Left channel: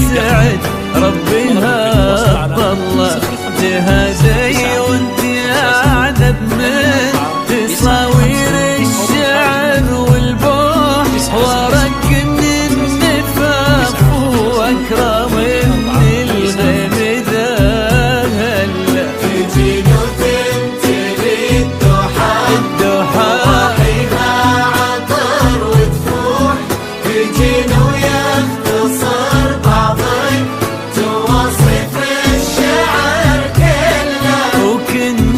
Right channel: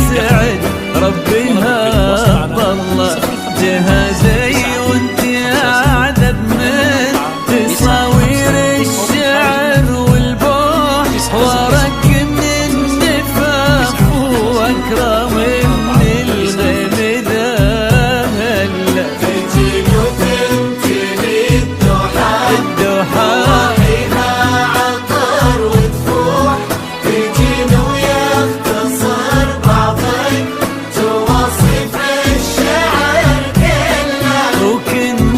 يسعد ربها طلع جهازي وانت اعذب من تصاوير الشعر والبوح ورق من النفاق واكرم من الغيم ذا هلا الدوحة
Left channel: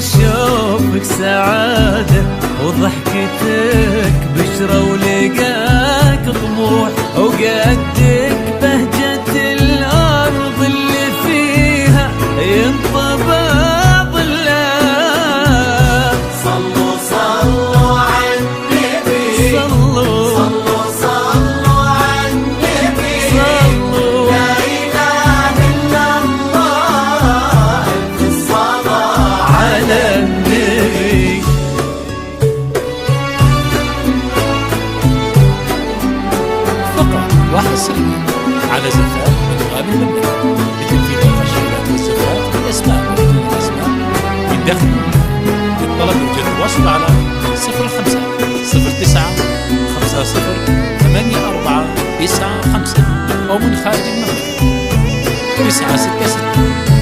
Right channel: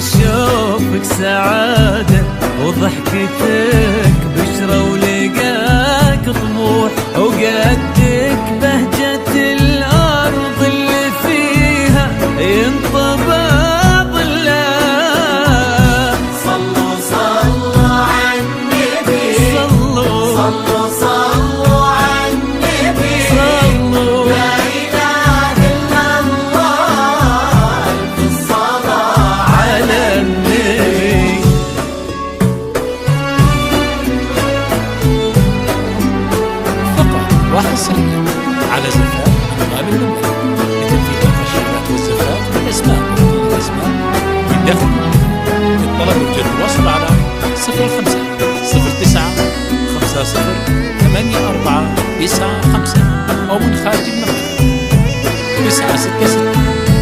شوفك سعادة وضحكتك بشرة ولقاك طموح وقدك بهجة الأرض اللي فيها ينطبع ظلها. صلوا صلوا على النبي صلوا صلوا صلوا على النبي صلوا لا إله إلا الله ألف الصلاة على النبي. فقط وحصريا على زفاف أنغام المملكة لتنفيذ الخشيات والزفاف بالأسماء وبدون الأسماء من داخل المملكة. للطلب يرجى التواصل على 05 09 50 84 95 أو من خارج المملكة 966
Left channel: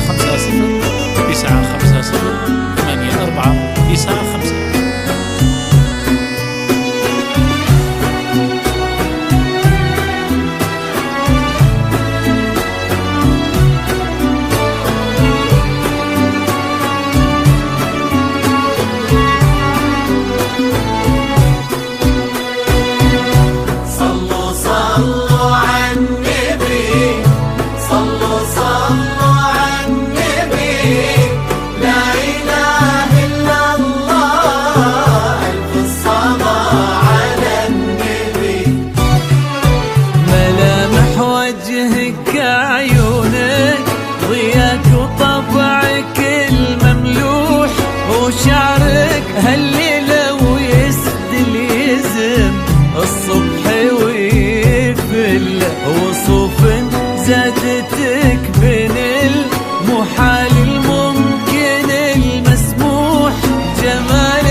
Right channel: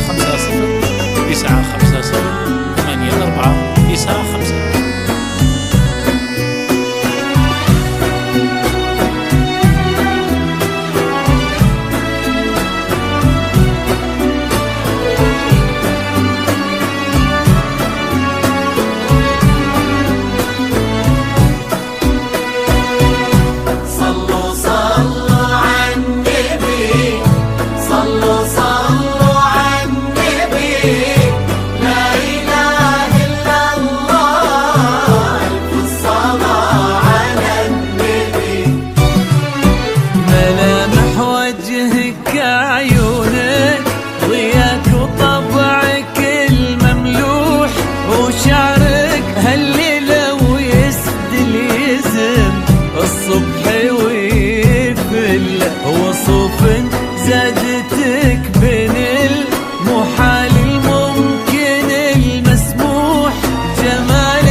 50 950 84 95. ملامح وجهك عيونك ضياك وطبعك المملوح وشعرك هالليلة ويسدل يزم الصبح ويفل وصوف زادتك بين المحال الممكن المسموح جمال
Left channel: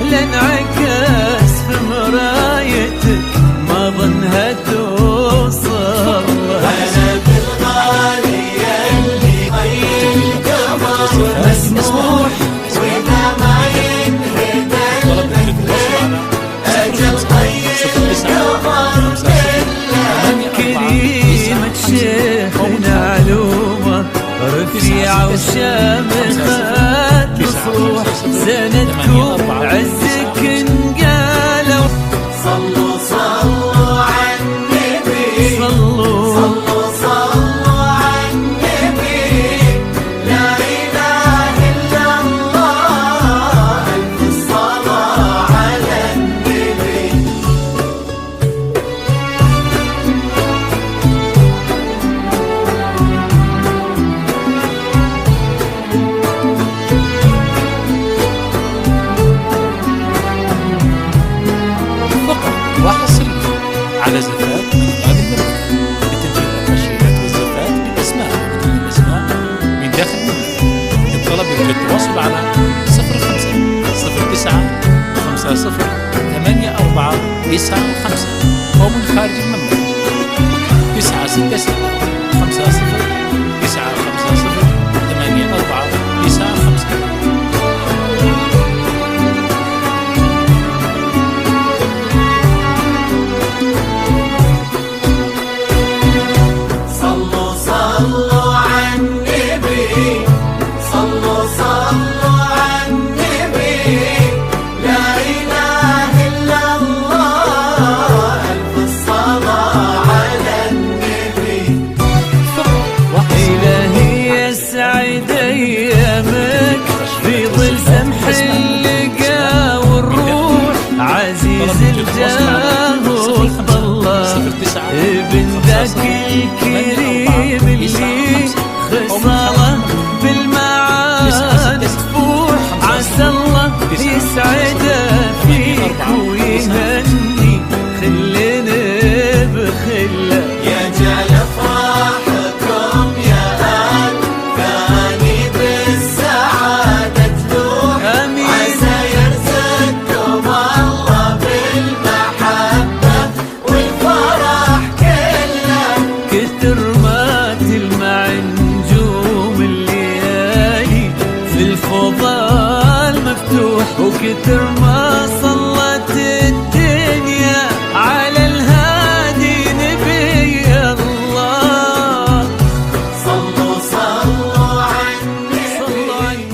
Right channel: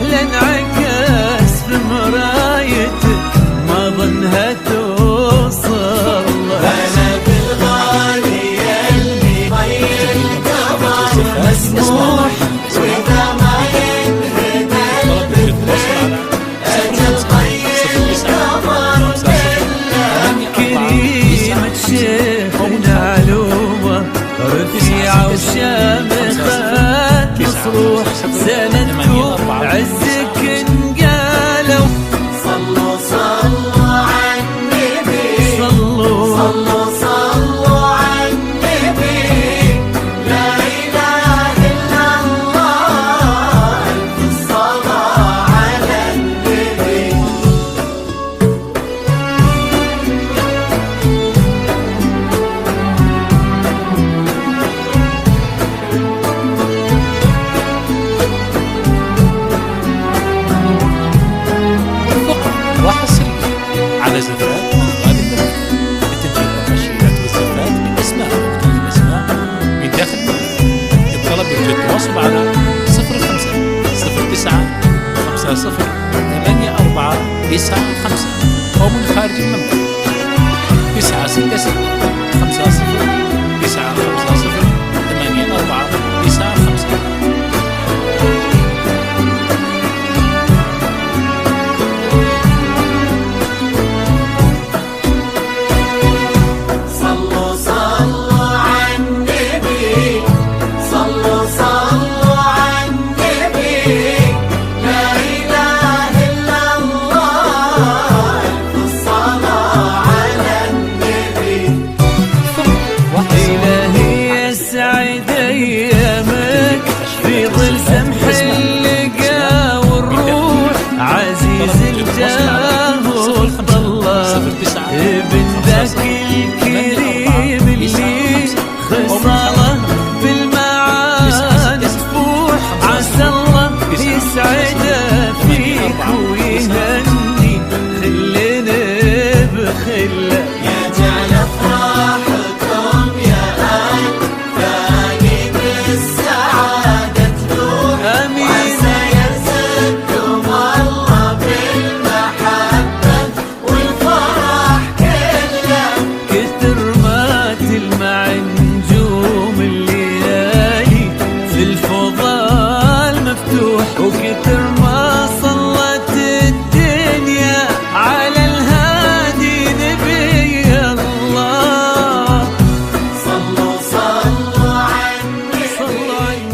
لانعكاس في مرايتك ما ظنها توصل مسموح. الطلب يرجى التواصل على 05 09 50 كريمة شيخنا علومة رفيعة وشامخة تصروح سندكم عزك انقالوا. صلوا صلوا على النبي صلوا صلوا على النبي لا إله إلا الله ألف الصلاة على النبي. فقط وحصريا على زفاف أنغام المملكة لتنفيذ الخشيات والزفات بالأسماء وبدون الأسماء من داخل المملكة. الطلب يرجى التواصل على 05 09 50 84 95 أو من خارج المملكة 966 50 950 84 95. إلهي يسعد أيامك في ظل سمح اللقا والروح عزيز الجاه والطلع ابن ذاك الكريم اللي خصاله بالمعاد تفوح عسى الله يسعده فيك ويهني خلنا بخله يجعل افراحك نجوم الليالي في الفضاء مفتوح، وكتر ما صلت الدنيا على الهادي نبي الله. صلوا على النبي، صلوا على النبي.